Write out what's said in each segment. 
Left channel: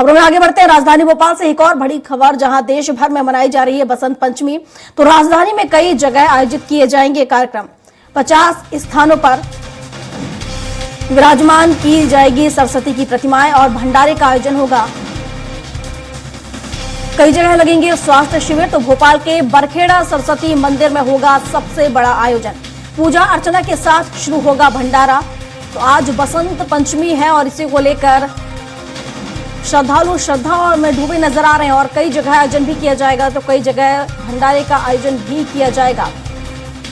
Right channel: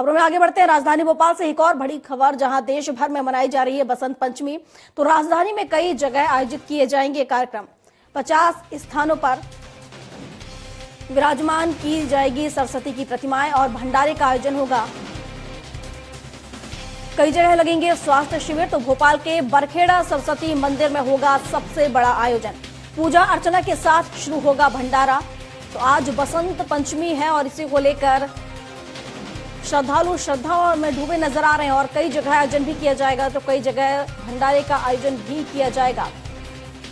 खबरों में आगे बढ़ते हैं। राजधानी भोपाल से एक और बड़ी खबर, जहां देश भर में मनाई जा रही है बसंत पंचमी, तो राजधानी में कई जगह आयोजित किए जाएंगे कार्यक्रम। 50 स्थानों पर विराजमान की जाएगी सरस्वती की प्रतिमाएं और भंडारे का आयोजन होगा। कई जगह लगेंगे स्वास्थ्य शिविर, तो भोपाल के बरखेड़ा सरस्वती मंदिर में होगा सबसे बड़ा आयोजन। पूजा अर्चना के साथ शुरू होगा भंडारा। तो आज बसंत पंचमी है और इसी को लेकर श्रद्धालु श्रद्धा में डूबे नजर आ रहे हैं और कई जगह आयोजन भी किया जाएगा, तो कई जगह भंडारे का आयोजन भी किया जाएगा।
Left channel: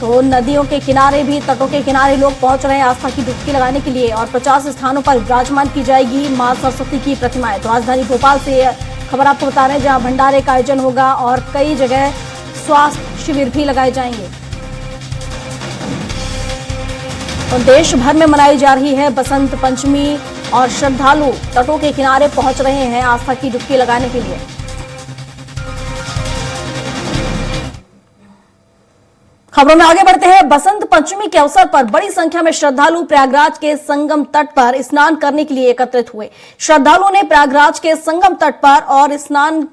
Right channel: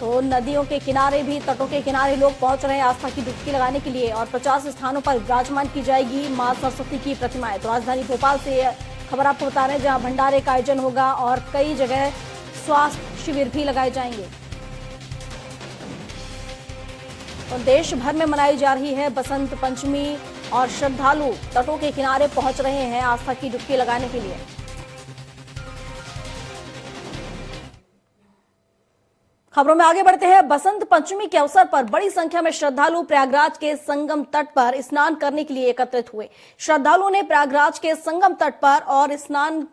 तो नदियों के किनारे भी, तटों के किनारे लोग पहुंच रहे हैं आस्था की डुबकी लगाने के लिए और 50 स्थानों पर विराजमान की जाएगी मां सरस्वती की प्रतिमाएं। तो राजधानी भोपाल से खबर आपको बता रहे हैं, जहां भंडारे का आयोजन होगा और कई जगह स्वास्थ्य शिविर भी लगाए जाएंगे। तो देश भर में मनाई जा रही है बसंत पंचमी और श्रद्धालु तटों के किनारे पहुंच रहे हैं आस्था की डुबकी लगाने के लिए। खबरों में आगे बढ़ते हैं। बसंत पंचमी के अवसर पर बड़ी संख्या में श्रद्धालु प्रयागराज के संगम तट पर स्नान करने के लिए एकत्रित हुए। श्रद्धालुओं ने प्रयागराज के संगम तट पर और स्नान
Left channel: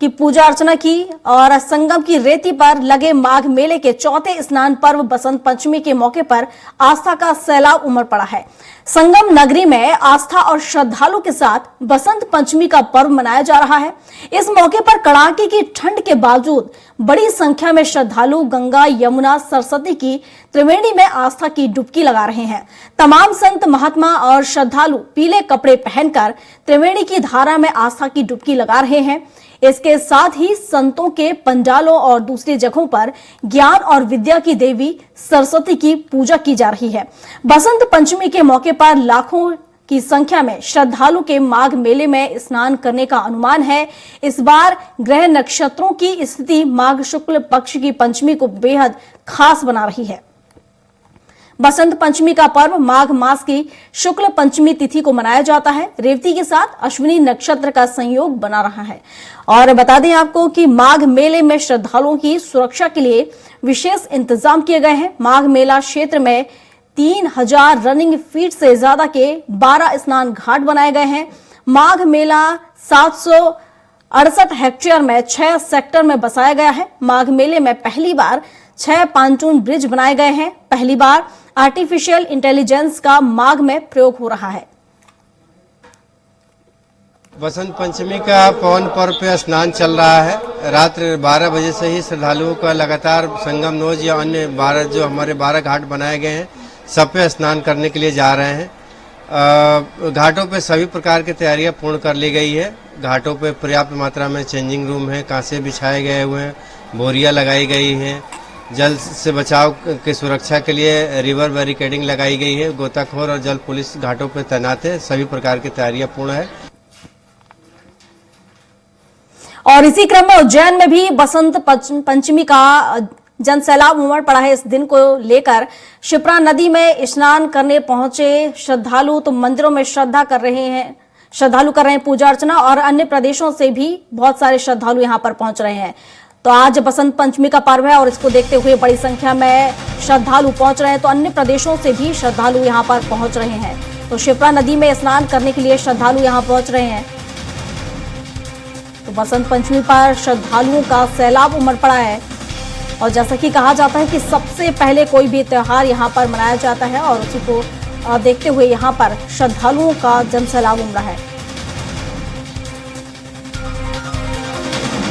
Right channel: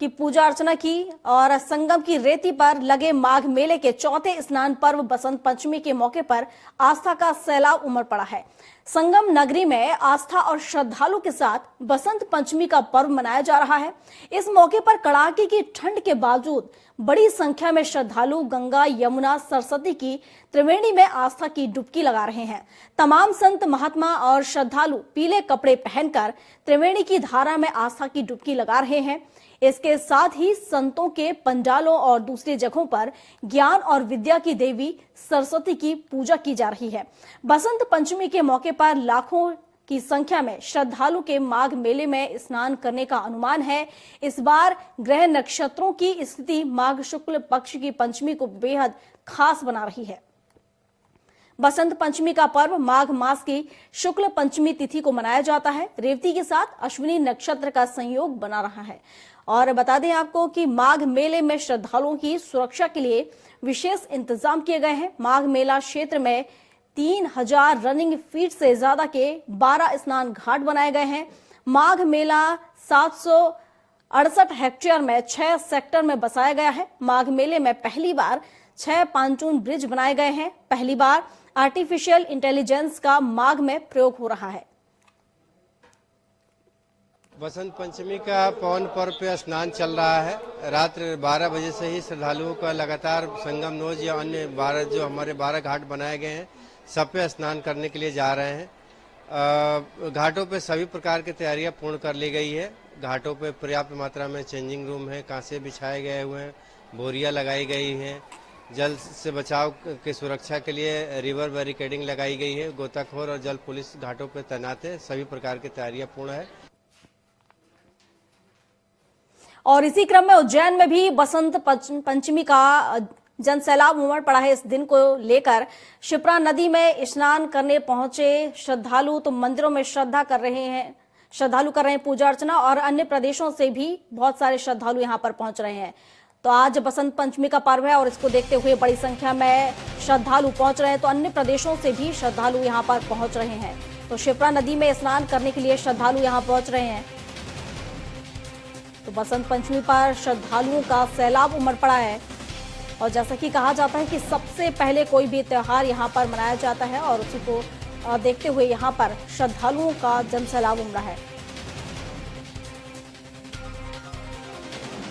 की पूजा अर्चना की और संगम की रेती पर लगे माघ मेले के चौथे स्नान पर्व बसंत पंचमी के मौके पर आस्था का सैलाब उमड़ पड़ा है। संगम नगरी में आस्था और श्रद्धालु के साथ बसंत पंचमी का पर्व मनाया जा रहा है। इस मौके पर कड़ाके की ठंड के बावजूद बड़ी संख्या में श्रद्धालु गंगा, यमुना, सरस्वती की त्रिवेणी में आस्था की डुबकी लगा रहे हैं। तमाम संत महात्मा और श्रद्धालु पीले कपड़े पहनकर त्रिवेणी की धारा में आस्था की डुबकी लगा रहे हैं। इसके साथ ही संतों के पंडालों और दूसरी जगहों पर ज्ञान और विद्या की देवी सरस्वती की पूजा की जा रही है। बसंत पंचमी के मौके पर लाखों की संख्या में श्रद्धालु के माघ मेले में स्नान करने का अनुमान है। इस बार ग्रह नक्षत्रों की स्थिति माघ शुक्ल पक्ष की पंचमी को बेहद खास बना रही है। बसंत पंचमी का पर्व माघ मास की शुक्ल पंचमी तिथि को मनाया जाता है। रेवती के साथ अश्विनी नक्षत्र का संयोग बना रहा है। और बता दें आपको कि माघ मेले में श्रद्धालुओं की सुरक्षा के लिए विशेष इंतजाम किए गए हैं। माघ मेला क्षेत्र में 3000 रनिंग फीट से ज्यादा के 12 स्नान घाट बनाए गए हैं। माघ मेला 768 हेक्टेयर में 6 सेक्टर में बसाया गया है। माघ मेले में पहली बार 6 पांचून ब्रिज बनाए गए हैं। पहली बार आर्टिफिशियल इंटेलिजेंस का माघ में प्रयोग हो रहा है। बसंत पंचमी का पवन पर्व पे स्नान चल रहा है। रात्र 12 बजे से ही श्रद्धालुओं का लगातार संगम नोज या अन्य 12 घाट बनाए गए हैं, सब पे स्नान करने के लिए जा रहे हैं। घाटों पे सभी प्रकार की तैयारियां पूर्ण कर ली गई है। घाटों पे पर्याप्त मात्रा में चेंजिंग रूम है, कांसे बिछाए गए हुए हैं, बोरियां लगाई गई हैं। जल से बचाव की सुरक्षा के लिए रिवर बैरिकेडिंग लगाई गई है। गोताखोर और जल पुलिस घाटों पर तैनात है। सभी प्रकार की तैयारियां पूर्ण है। और इसी क्रम में उज्जैन में भी बसंत पंचमी का जनसैलाब उमड़ पड़ा है। इस दिन को लेकर शिप्रा नदी में स्नान करने पहुंचे श्रद्धालु तो मंदिरों में श्रद्धालु कर रहे हैं पूजा अर्चना और अन्य प्रदेशों से भी बहुत सारे श्रद्धालु यहां पर पहुंच रहे हैं। तो आज बसंत पंचमी का पर्व है और इसको देखते हुए बड़ी संख्या में श्रद्धालु पहुंच रहे हैं, तो अन्य प्रदेशों से भी श्रद्धालु यहां पर पहुंच रहे हैं। तो शिप्रा नदी में स्नान करने के लिए श्रद्धालु यहां पहुंच रहे हैं। तो बसंत पंचमी पर श्रद्धालुओं का सैलाब उमड़ पड़ा है और जैसा कि कहा जाता है कि सबसे पहले कोई भी त्योहार यहां पर मनाया जाता है और उसी को देखते हुए यहां पर श्रद्धालुओं का जनसैलाब उमड़ा है।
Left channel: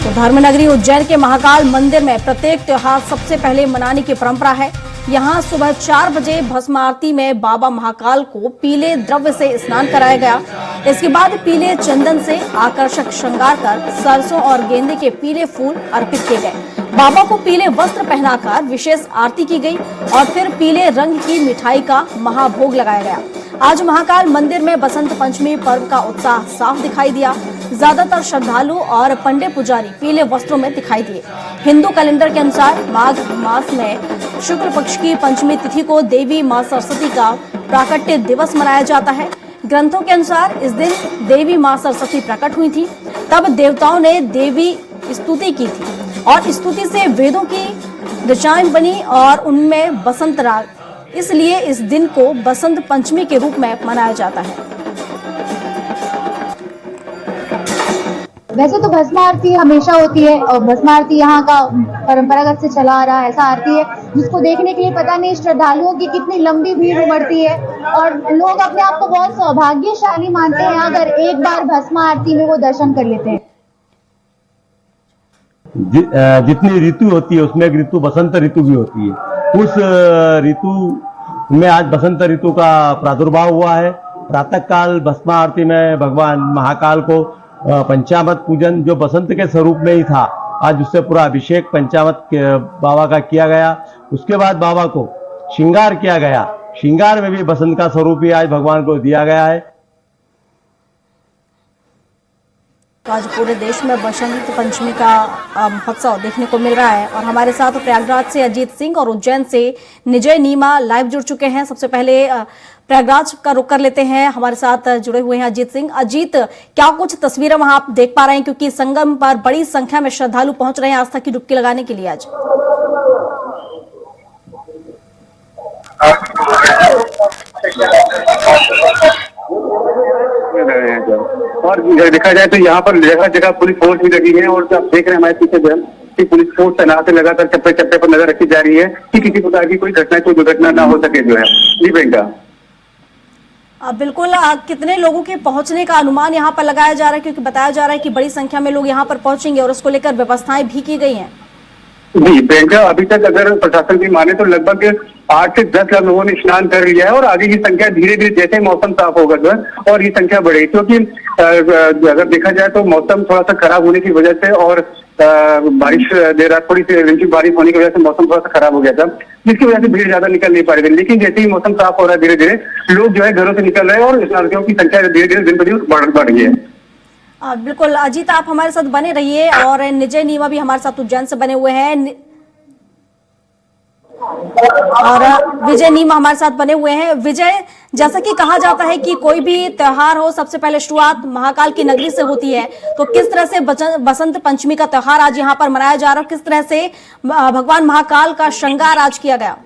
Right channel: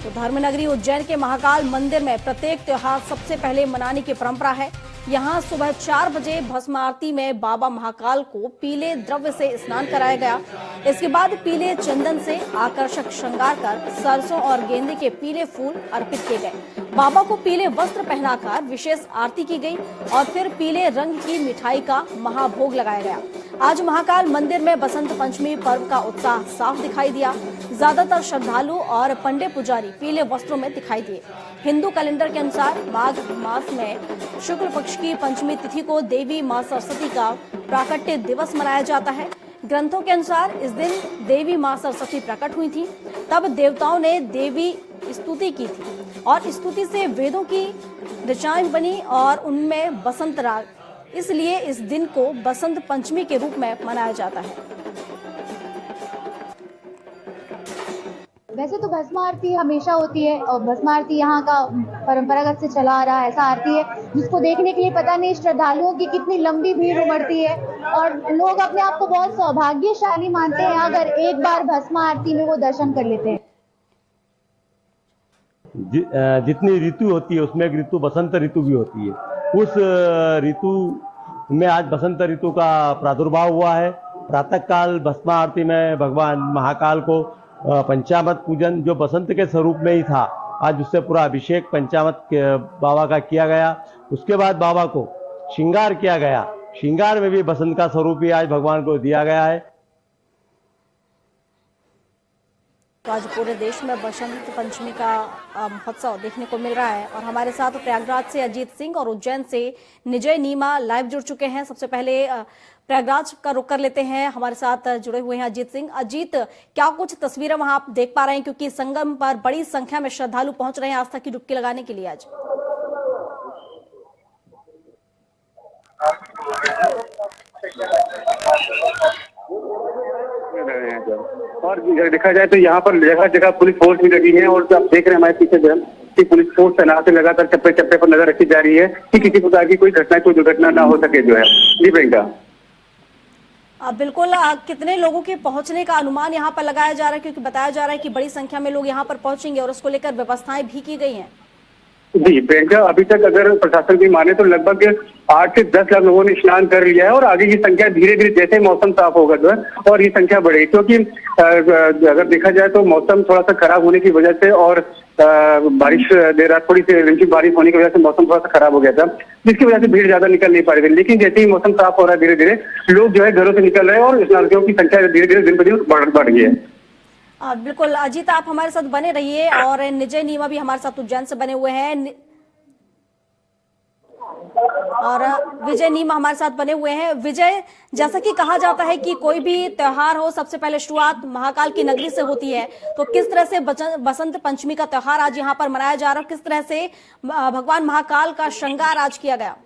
तो धर्मनगरी उज्जैन के महाकाल मंदिर में प्रत्येक त्योहार सबसे पहले मनाने की परंपरा है। यहां सुबह 4 बजे भस्म आरती में बाबा महाकाल को पीले द्रव्य से स्नान कराया गया। इसके बाद पीले चंदन से आकर्षक श्रृंगार कर सरसों और गेंदे के पीले फूल अर्पित किए गए। बाबा को पीले वस्त्र पहनाकर विशेष आरती की गई और फिर पीले रंग की मिठाई का महाभोग लगाया गया। आज महाकाल मंदिर में बसंत पंचमी पर्व का उत्साह साफ दिखाई दिया। ज्यादातर श्रद्धालु और पंडित पुजारी पीले वस्त्रों में दिखाई दिए। हिंदू कैलेंडर के अनुसार माघ मास में शुक्ल पक्ष की पंचमी तिथि को देवी मां सरस्वती का प्राकट्य दिवस मनाया जाता है। ग्रंथों के अनुसार इस दिन देवी मां सरस्वती प्रकट हुई थी। तब देवताओं ने देवी स्तुति की थी और स्तुति से वेदों की ऋचाएं बनी और उनमें बसंत राग, इसलिए इस दिन को बसंत पंचमी के रूप में मनाया जाता है। वैसे तो भस्म आरती हमेशा होती है और भस्म आरती यहाँ का परंपरागत से चला आ रहा है, ऐसा आरती है जिसको देखने के लिए पता नहीं श्रद्धालुओं की कितनी लंबी भीड़ उमड़ती है और लोग अपने आप को बहुत सौभाग्यशाली मानते हैं अगर एक बार भस्म आरती में वो दर्शन कर लेते हैं। जितनी ऋतु होती है उसमें एक ऋतु बसंत ऋतु भी होती है। उस ऋतु में आज बसंत ऋतु का प्रादुर्भाव हुआ है। प्रातः काल भस्म आरती में भगवान महाकाल को पंचामृत पूजन जो बसंत के स्वरूप में ही था, आज उससे पूरा अभिषेक पंचामृत बाबा का किया गया। उसके बाद बाबा को श्रृंगार किया गया। श्रृंगार में भी बसंत का स्वरूप ही आज भगवान को दिया गया है। तो आज पूरे देश में बसंत पंचमी का महोत्सव देखने को मिल रहा है और हमारे साथ प्रयागराज से अजीत सिंह और उज्जैन से निजय नीमा लाइव जुड़ चुके हैं। सबसे पहले प्रयागराज का रुख कर लेते हैं, हमारे साथ जुड़े हुए हैं अजीत सिंह। अजीत, क्या कुछ तस्वीरें वहां आप देख पा रहे हैं, क्योंकि संगम पर बड़ी संख्या में श्रद्धालु पहुंच रहे हैं आस्था की डुबकी लगाने के लिए आज? और देखा जाए तो यहाँ पर जगह जगह पुलिस फोर्स भी लगी है और आप देख रहे हैं हमारे पीछे कि पुलिस फोर्स तैनात है, लगातार चप्पे चप्पे पर नजर रखी जा रही है कि किसी प्रकार की कोई घटना कोई दुर्घटना ना हो सके जो है। जी प्रियंका, बिल्कुल। कितने लोगों के पहुंचने का अनुमान यहाँ पर लगाया जा रहा है, क्योंकि बताया जा रहा है कि बड़ी संख्या में लोग यहाँ पर पहुंचेंगे और उसको लेकर व्यवस्थाएं भी की गई हैं? जी प्रियंका, अभी तक अगर प्रशासन की माने तो लगभग 8 से 10 लाख लोगों ने स्नान कर लिया है और आगे की संख्या धीरे धीरे जैसे मौसम साफ होगा जो है और ये संख्या बढ़ेगी, क्योंकि अगर देखा जाए तो मौसम थोड़ा सा खराब होने की वजह से और बारिश देर रात थोड़ी सी हल्की बारिश होने की वजह से मौसम थोड़ा सा खराब हो गया था, जिसकी वजह से भीड़ ज्यादा निकल नहीं पा रही। लेकिन जैसे ही मौसम साफ हो रहा है धीरे धीरे लोग जो है घरों से निकल रहे हैं और स्नानियों की संख्या धीरे धीरे दिन ब दिन बढ़ रही है। बिल्कुल अजीत, आप हमारे साथ बने रहिए और निजय नीमा भी हमारे साथ उज्जैन से बने हुए हैं और विजय नीमा हमारे साथ बने हुए हैं। विजय, जैसा कि कहा जाता है कि कोई भी त्योहार हो सबसे पहले शुरुआत महाकाल की नगरी से होती है, तो किस तरह से बसंत पंचमी का त्योहार आज यहाँ पर मनाया जा रहा है, किस तरह से भगवान महाकाल का श्रृंगार आज किया गया?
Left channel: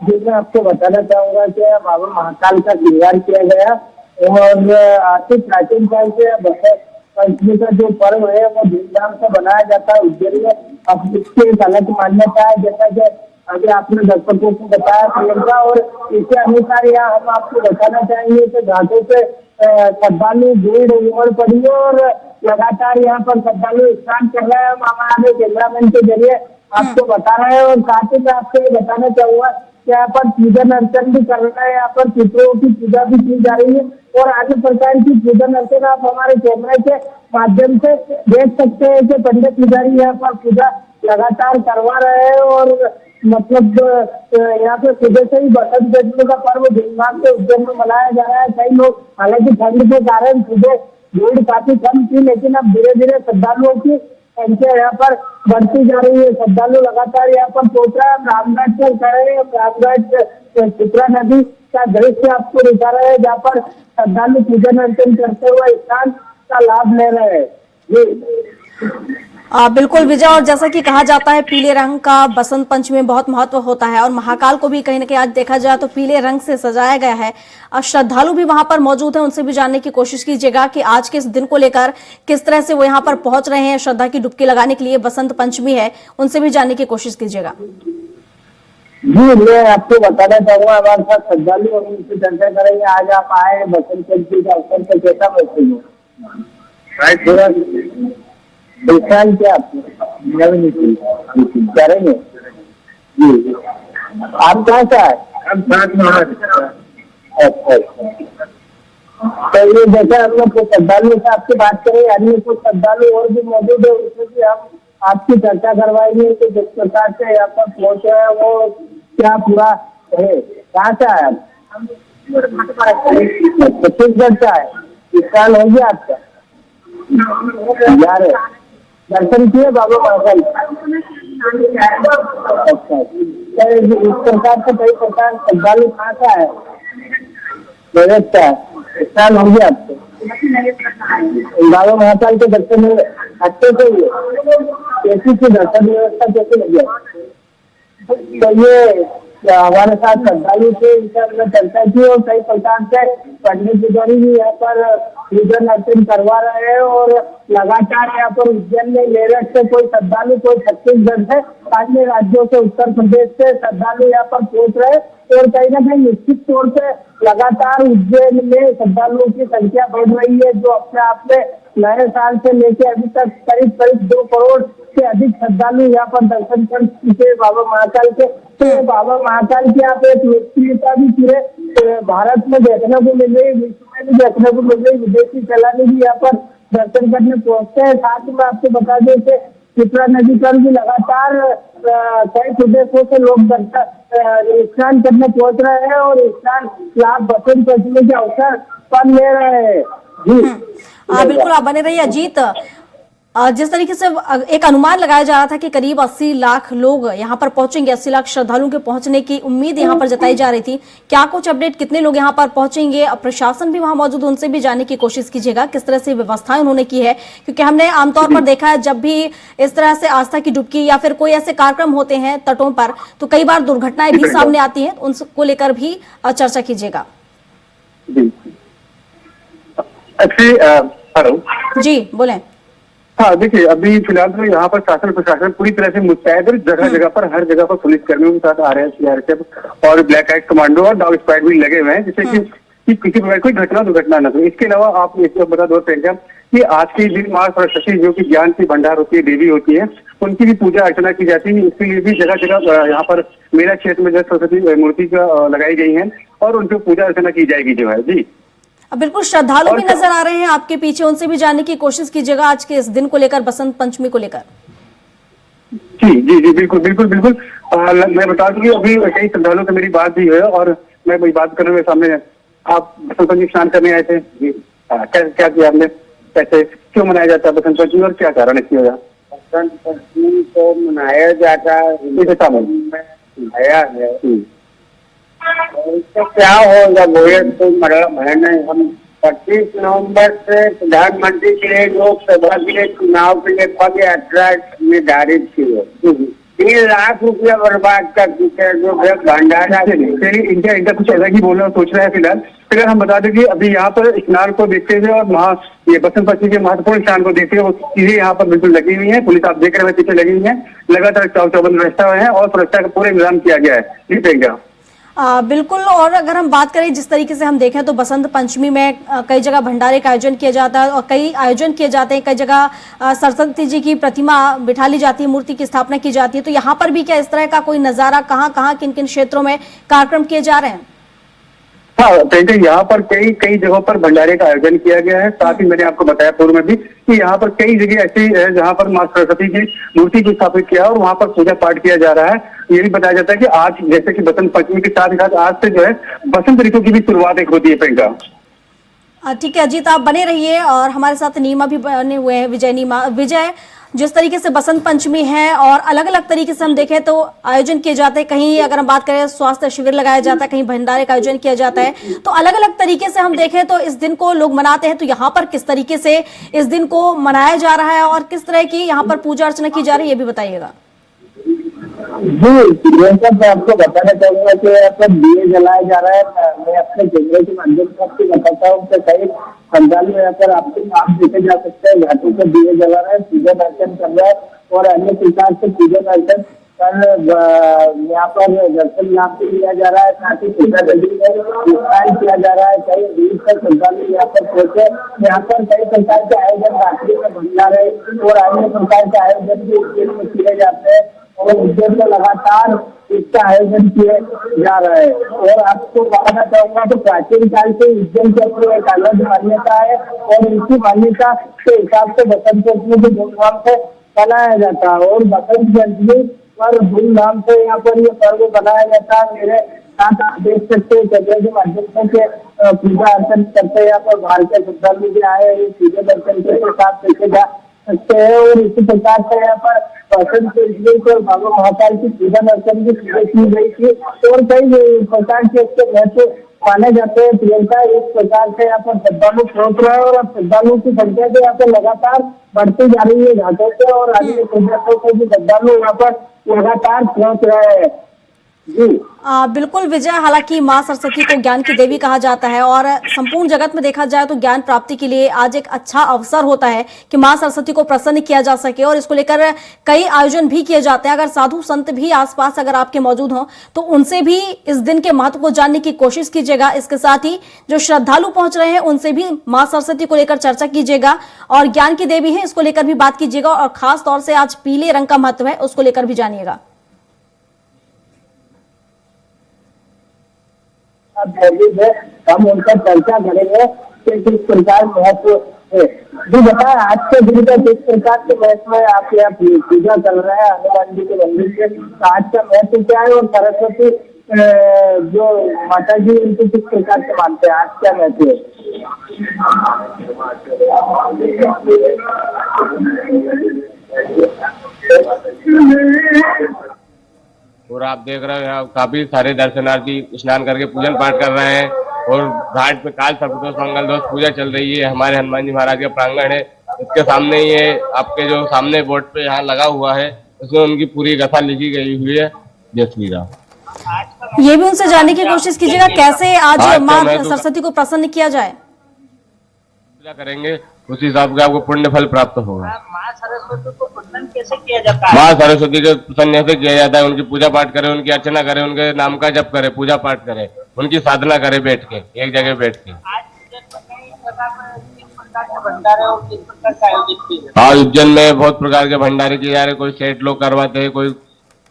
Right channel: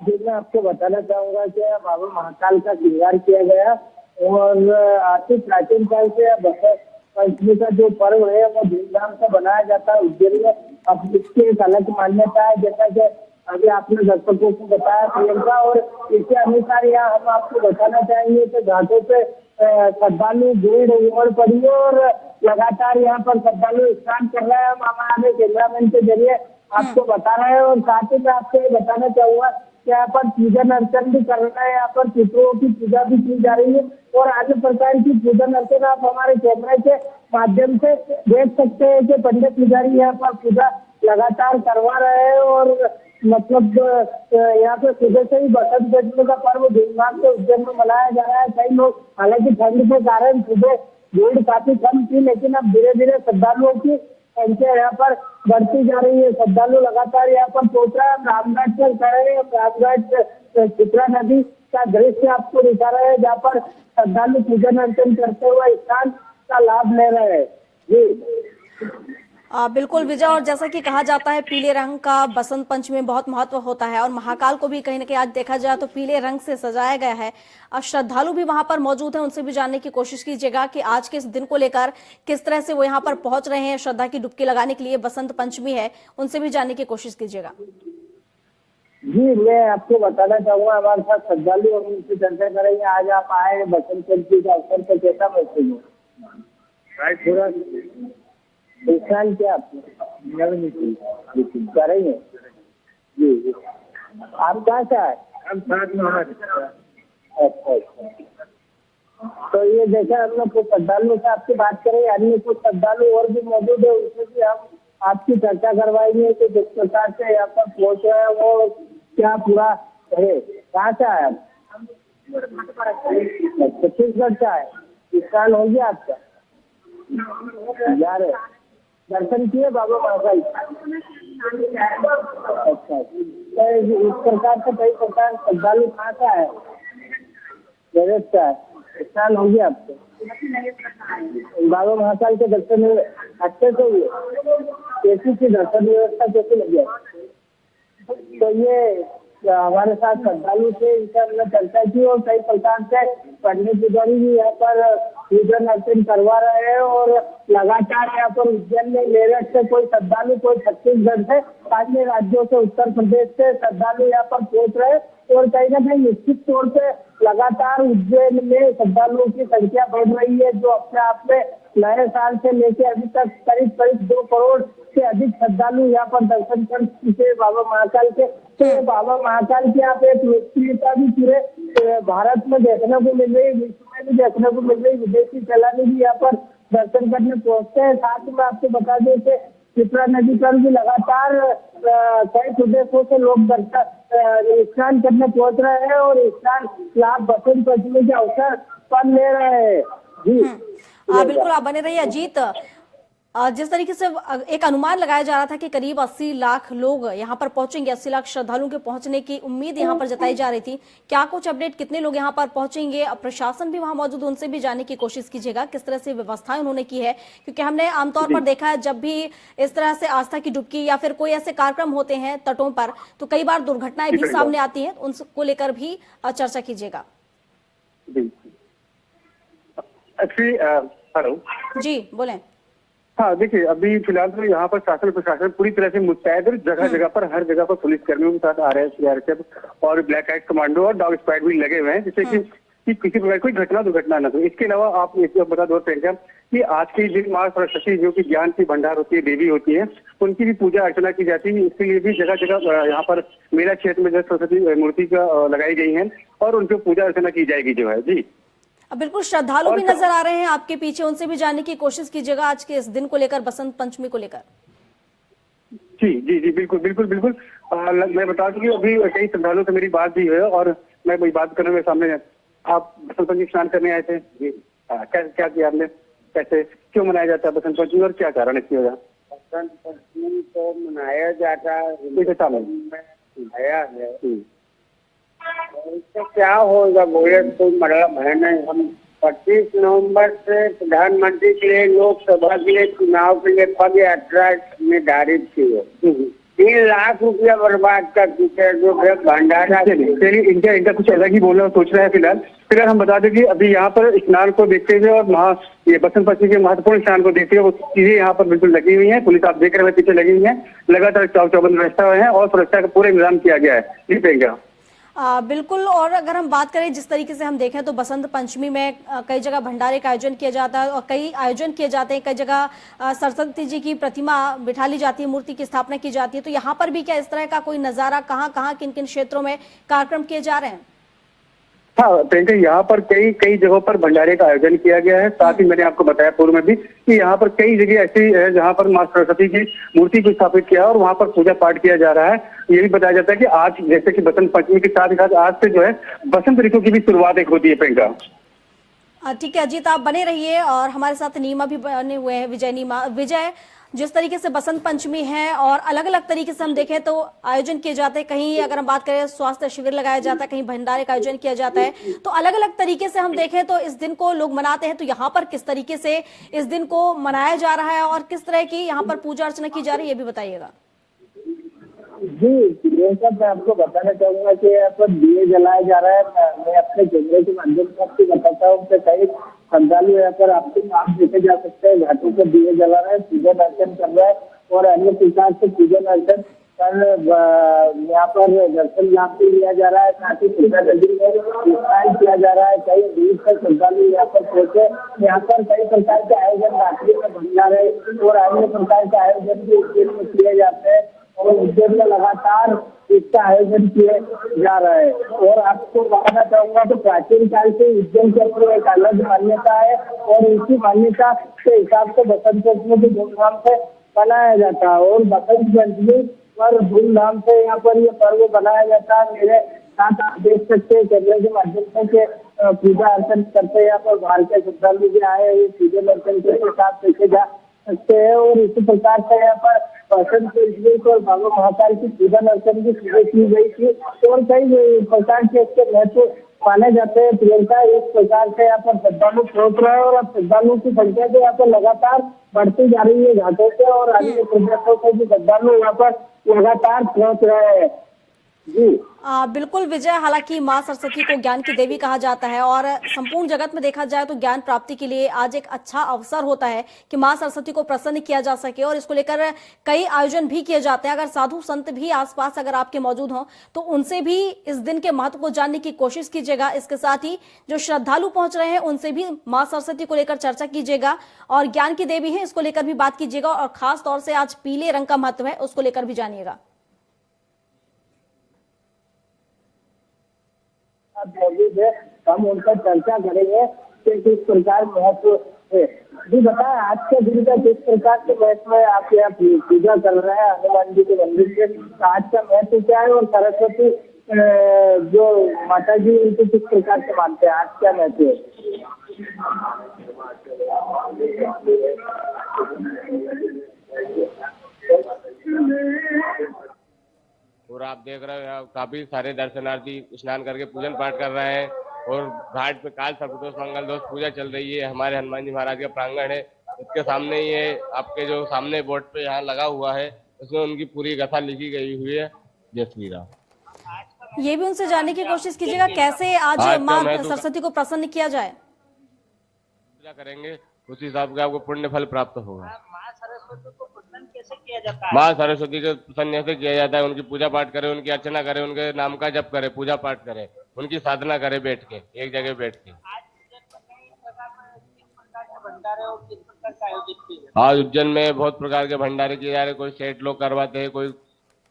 जी, मैं आपको बताना चाहूंगा कि बाबा महाकाल का श्रृंगार किया गया और आर्थिक प्राचीन काल से बसंत पंचमी का जो पर्व है वो धूमधाम से बनाया जाता है उज्जैन में। अब इसकी एक अलग मान्यता है, जैसा कि अभी आपने दर्शकों को बताया प्रियंका, और इसके अनुसार यहाँ हम आपको बताना चाहेंगे कि घाटों पे श्रद्धालु भीड़ उमड़ पड़ी है और लगातार यहाँ पर श्रद्धालु स्नान कर रहे हैं। हम हमारे कैमरामैन के जरिए आपको बता रहे हैं और साथ ही मैं आपको ये बताना चाहूंगा कि यहाँ पर पूजन अर्चन भी कर रहे हैं, यहाँ पर पितरों की पूजा भी की जा रही है और अन्य प्रकार की पूजन अर्चन आप हमारे कैमरे के माध्यम से देख सकते हैं कि पंडित पुजारी यहाँ पर पूजा लगातार करवा रहे हैं और मतलब यहाँ पे सुबह से ही बसंत पंचमी का पर्व धूमधाम से उज्जैन में मनाया जा रहा है। कई लोग हालांकि ठंड के कारण सुबह भीड़ काफी कम थी, लेकिन अब धीरे धीरे श्रद्धालुओं की संख्या यहाँ पर बढ़ती जा रही है। श्रद्धालु लगातार यहाँ पर पहुंच रहे हैं। रामघाट पर खड़े हैं, रामघाट चित्रा नदी का दृश्य आपको दिखा रहे हैं जहाँ पर श्रद्धालु पूजन अर्चन करते हुए स्नान का लाभ ले रहे हैं। जी बिल्कुल विजय, और जैसा कि कहा जाता है पीले रंग का बसंत पंचमी में बहुत महत्व होता है और महाकाल को भी कहीं ना कहीं आज देखा जाए तो पीले रंग से सजाया गया है। श्रद्धालु भी वहां पर मौजूद है, उनसे भी जानने की कोशिश कीजिएगा कि आज के इस दिन को लेकर किस तरह से वो यहाँ पर पहुंच रहे हैं श्रद्धा की डुबकी लगाने के लिए। बसंत पंचमी है, उनसे भी जानने की कोशिश कीजिएगा। जी, मैं आपको बताना चाहूंगा हमारे साथ श्रद्धालु और उनसे चर्चा करेंगे। आज आप आए बसंत पंचमी के अवसर पर, कैसा महसूस हुआ? पहचान क्या करेंगे? जी, आप कहाँ से आए? अच्छा, तो ये जैसे हम लोग श्रद्धालु से आपसे बात करें, अन्य कुछ श्रद्धालु और भी मौजूद है, उसमें भी हम आपकी चर्चा करवाएंगे कि जिस प्रकार से यहाँ पर पहुंचे हैं वो क्या पूरा है। कहाँ से आए आप? छत्तीसगढ़ से आए। इस साल हो गया आपका? यार दर्शन किए बाबा महाकाल? अच्छा, इस प्रकार से कई प्रकार श्रद्धालु कहाँ से आए? इस साल हो गया आपको? बाबा महाकाल के दर्शन हुए अच्छे से हुए? कैसी थी दर्शन व्यवस्था, कैसी लगी? तो ये हमारे साथ श्रद्धालु थे, इनसे हमने चर्चा की और कई प्रकार से पंडित पुजारी भी यहाँ पर पूजन अर्चन करवा रहे हैं और लगातार यहाँ पर उज्जैन में मेरठ से कोई श्रद्धालु, कोई छत्तीसगढ़ से, अन्य राज्यों से, उत्तर प्रदेश से श्रद्धालु यहाँ पर पहुंच रहे हैं और कहीं ना कहीं निश्चित तौर पे लगातार उज्जैन में श्रद्धालुओं की संख्या बढ़ रही है, जो अपने आप में नए साल से लेकर अभी तक करीब करीब 2 करोड़ से अधिक श्रद्धालु यहाँ पर दर्शन कर चुके बाबा महाकाल के। तो बाबा महाकाल की यहाँ पे एक लोकप्रियता भी पूरे भारत में देखने को मिल रही, विश्व में भी देखने को मिल रही। विदेशी सैलानी भी यहाँ पर दर्शन करने पहुंचते हैं। साथ ही में आपको बता दें कि चित्रा नदी पर भी लगातार कई प्रदेशों से लोग स्नान करने पहुंच रहे हैं और स्नान लाभ बसंत पंचमी के अवसर पर ले रहे हैं। जी बिल्कुल, आप बने रहिए अजीत। जिस तरीके से एक अनुमान लगाया जा रहा था कि करीब 80 लाख लोग यहाँ पर पहुंचेंगे, 80 लाख श्रद्धालुओं के पहुंचने की उम्मीद यहाँ पर जताई जा रही थी, क्या कुछ अपडेट, कितने लोग यहाँ पर पहुंचेंगे? प्रशासन भी वहां मौजूद, उनसे भी जानने की कोशिश कीजिएगा किस तरह से व्यवस्थाएं उन्होंने की है, क्योंकि हमने आमतौर पर देखा है जब भी इस तरह से आस्था की डुबकी या फिर कोई ऐसे कार्यक्रम होते हैं तटों पर तो कई बार दुर्घटनाएं भी सामने आती है, उनको लेकर भी चर्चा कीजिएगा। हेलो जी बोले। हाँ देखिए, अभी फिलहाल तो यहाँ पर शासन प्रशासन पूरी तरह से मुस्तैद है। जगह जगह पर, हर जगह पर पुलिस कर्मियों के साथ RSF और ब्लैक आइट कमांडो और डॉग स्क्वाड भी लगे हुए हैं, जिससे कि किसी प्रकार कोई दुर्घटना न हो। इसके अलावा आप एक बता दो कि आज के दिन माँ सरस्वती, जो कि ज्ञान की भंडार होती है, देवी होती है, उनकी भी पूजा अर्चना की जाती है। इसके लिए भी जगह जगह यहाँ पर मेला क्षेत्र में जो सरस्वती मूर्ति लगाई गई है और उनकी पूजा अर्चना की जाएगी जो है। जी बिल्कुल, श्रद्धालु भी नजर आ रहे हैं आपके पीछे, उनसे भी जानने की कोशिश कीजिएगा आज के इस दिन को लेकर, बसंत पंचमी को लेकर। जी जी जी बिल्कुल बिल्कुल बिल्कुल। मैं बता दूं कि अभी कई श्रद्धालुओं से मेरी बात भी है और मैं वही बात करने में सामने। आप बसंत पंचमी स्नान करने आए थे जी, क्या किया आपने, कैसे, क्यों मनाया जाता है बसंत पंचमी और क्या कारण है इसकी वजह? बसंत पंचमी को मनाया जाता है, आया है तो क्या होगा बोले तो मतलब है ना। हम 25 नवंबर से प्रधानमंत्री के लिए, लोकसभा के लिए चुनाव के लिए पद यात्रा निर्धारित की है। 3 लाख रुपया बर्बाद कर चुके हैं जो भंडारा। इनका कुछ अलग ही बोलना सोच रहे हैं फिलहाल। फिर हम बता दें कि अभी यहाँ पर स्नान को देखते हुए और वहाँ ये बसंत पंचमी के महत्वपूर्ण स्नान को देखते हुए वो चीजें यहाँ पर बिल्कुल लगी हुई है। पुलिस आप देख रहे हैं पीछे लगी हुई है, लगातार चौबंद व्यवस्था है और सुरक्षा का पूरा इंतजाम किया गया है। ये देंगे बिल्कुल। और अगर हम बात करें जिस तरीके से हम देखें तो बसंत पंचमी में कई जगह भंडारे का आयोजन किया जाता है और कई आयोजन किए जाते हैं, कई जगह सरस्वती जी की प्रतिमा बिठा ली जाती है, मूर्ति की स्थापना की जाती है। तो यहाँ पर भी क्या इस तरह का कोई नजारा, कहाँ किन किन क्षेत्रों में कार्यक्रम किए जा रहे हैं? हाँ, कहीं यहाँ पर कई जगहों पर भंडारे का आयोजन किया गया है। साथ ही मैंने आपको बताया पूर्व में भी कि यहाँ पर कई जगह ऐसी है जहाँ पर माँ सरस्वती की मूर्ति को स्थापित किया है और वहाँ पर पूजा पाठ किया जा रहा है। ये भी बताया जाता है कि आज जैसे कि बसंत पंचमी के साथ ही साथ आज से जो है बसंत ऋतु की भी शुरुआत एक होती है। प्रियंका ठीक है अजीत, आप बने रहिए और हमारे साथ नीमा भी बने हुए हैं, विजय। जिस तरीके से बसंत पंचमी है और अलग अलग तरीके से हम देखें तो आयोजन किए जाते हैं, कहीं अगर हम बात करें स्वास्थ्य शिविर लगाया जाता है, कहीं भंडारे का आयोजन किया जाता है, तो अलग अलग तरीके से हम देखें तो इस दिन को लोग मनाते हैं। तो यहाँ पर किस तरीके से इस दिन को मनाया जा रहा है और किस तरह की यहाँ पर पूजा अर्चना की जा रही है, ये भी बताइएगा। जी, ये सब मैं आपको बताना चाहूंगा कि यहाँ पर दिए जलाए जा रहे हैं। मैं अपने कैमरे के माध्यम से आपको बताता हूँ कि कई श्रद्धालु यहाँ पर आपको आप देखे जा सकते हैं, घाटों पर दिए जला रहे हैं, पूजन अर्चन कर रहे हैं और अन्य प्रकार से पूजन अर्चन कर यहाँ पर दर्शन लाभ भी लिया जा रहा है। साथ ही पूजा नदी में स्नान किया जा रहा है। कई दूर से श्रद्धालु यहाँ पर पहुंचे। यहाँ पर कई प्रकार के आयोजन रात्रि में भंडारे और अन्य प्रकार के आयोजन भी उज्जैन में किए जाते हैं और उज्जैन में लगातार इसका आयोजन किया जा रहा है। और आपको बताना चाहूंगा तो प्राचीन काल से उज्जैन के अपनी एक अलग मान्यता है और इसी मान्यता के हिसाब से बसंत पंचमी को धूमधाम से मनाया जाता है और बसंत पंचमी पर धूमधाम से यहाँ पर ये पर्व मनाया जाता है। मेरे साथ आप देख सकते हैं कैमरे के माध्यम से पूजा अर्चन करते हैं। यहाँ पर भारतीय श्रद्धालु भी आए हैं, पूजन अर्चन के साथ देखे जा सकते हैं और इसी प्रकार से यहाँ पर बसंत पंचमी पर बाबा महाकाल की पूजन अर्चन की की गई थी और कई प्रकार के इसके महत्व माने जाते हैं। प्रियंका, इस प्रकार से यहाँ पर श्रद्धालु पहुंच रहे हैं और अब श्रद्धालुओं की संख्या तो यहाँ पर लगातार बढ़ती जा रही है घाटों से और अन्य प्रदेशों से भी श्रद्धालु यहाँ पर लगातार पहुंच रहे हैं। जी बिल्कुल विजय, हालांकि माँ सरस्वती को ज्ञान की देवी कहा जाता है और संपूर्ण जगत में देखा जाए तो ज्ञान प्राप्ति के लिए आज एक अच्छा अवसर होता है कि माँ सरस्वती को प्रसन्न किया जा सके और इसको लेकर कई आयोजन भी किए जाते हैं। अगर साधु संत भी आसपास अगर आपके मौजूद हों तो उनसे भी इस दिन के महत्व को जानने की कोशिश कीजिएगा। इसके साथ ही जो श्रद्धालु पहुंच रहे हैं उनसे भी माँ सरस्वती को लेकर चर्चा कीजिएगा और ज्ञान की देवी है इसको लेकर भी बात कीजिएगा और खास तौर से आज पीले रंग का महत्व है उसको लेकर भी जानिएगा। मौजूद है, हम उनका चर्चा करेंगे कि किस प्रकार महत्व है। जो बताएं आज के दिन का किस प्रकार के महत्व है, आप यहाँ पूजा कर रहे हैं हनुमान जी के मंदिर से, तो आज का महत्व क्या है और सरस्वती जो माता जी उनको किस प्रकार से मानते हैं, आज क्या महत्व है? और आप देख रहे हैं यहाँ काफी सारे दर्शनार्थी स्नान करके पूजन पाठ कर रहे हैं और घाट पे काल सर्पदोष मंगल दोष पूजा चल रही है। हमारे हनुमान जी महाराज का प्रांगण है, इसके सामने ये आपके जो सामने बोर्ड पे यहाँ लगा हुआ है उसमें उनकी पूरी कथा लिखी गई हुई है। जय श्री राम। ये भी उनसे जानने की कोशिश कीजिएगा कैसे आज माँ सरस्वती को प्रसन्न किया जाए। पूजा करेंगे उसी हिसाब से आपको पुण्य फल प्राप्त होगा। माँ सरस्वती को प्रसन्न कैसे किया जाता है? माँ सरस्वती के प्रसन्न ऐसे किया जाता है, उनकी पूजा पाठ करें, उनकी अर्चना करें, उनके नाम का जप करें, पूजा पाठ करें, उनकी साधना करें बैठ के, एक जगह बैठ के। आज किस प्रकार के भंडारे और किस प्रकार का आयोजित किए जाते हैं? हाँ, उज्जैन में बहुत प्रकार के भंडारे किए जा रहे, कोई सेठ लोग करवाते हैं, कोई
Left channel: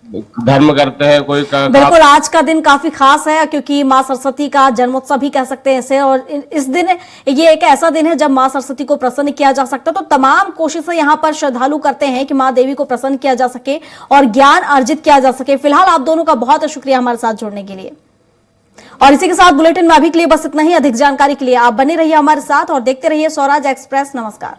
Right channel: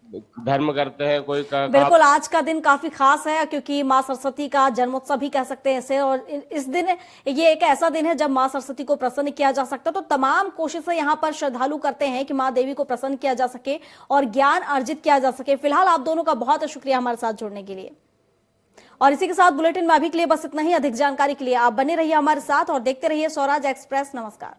धर्म करते हैं, कोई बिल्कुल आज का दिन काफी खास है क्योंकि माँ सरस्वती का जन्मोत्सव भी कह सकते हैं इसे और इस दिन ये एक ऐसा दिन है जब माँ सरस्वती को प्रसन्न किया जा सकता है। तो तमाम कोशिशें यहाँ पर श्रद्धालु करते हैं कि माँ देवी को प्रसन्न किया जा सके और ज्ञान अर्जित किया जा सके। फिलहाल आप दोनों का बहुत शुक्रिया हमारे साथ जुड़ने के लिए और इसी के साथ बुलेटिन में अभी के लिए बस इतना ही। अधिक जानकारी के लिए आप बने रहिए हमारे साथ और देखते रहिए स्वराज एक्सप्रेस। नमस्कार।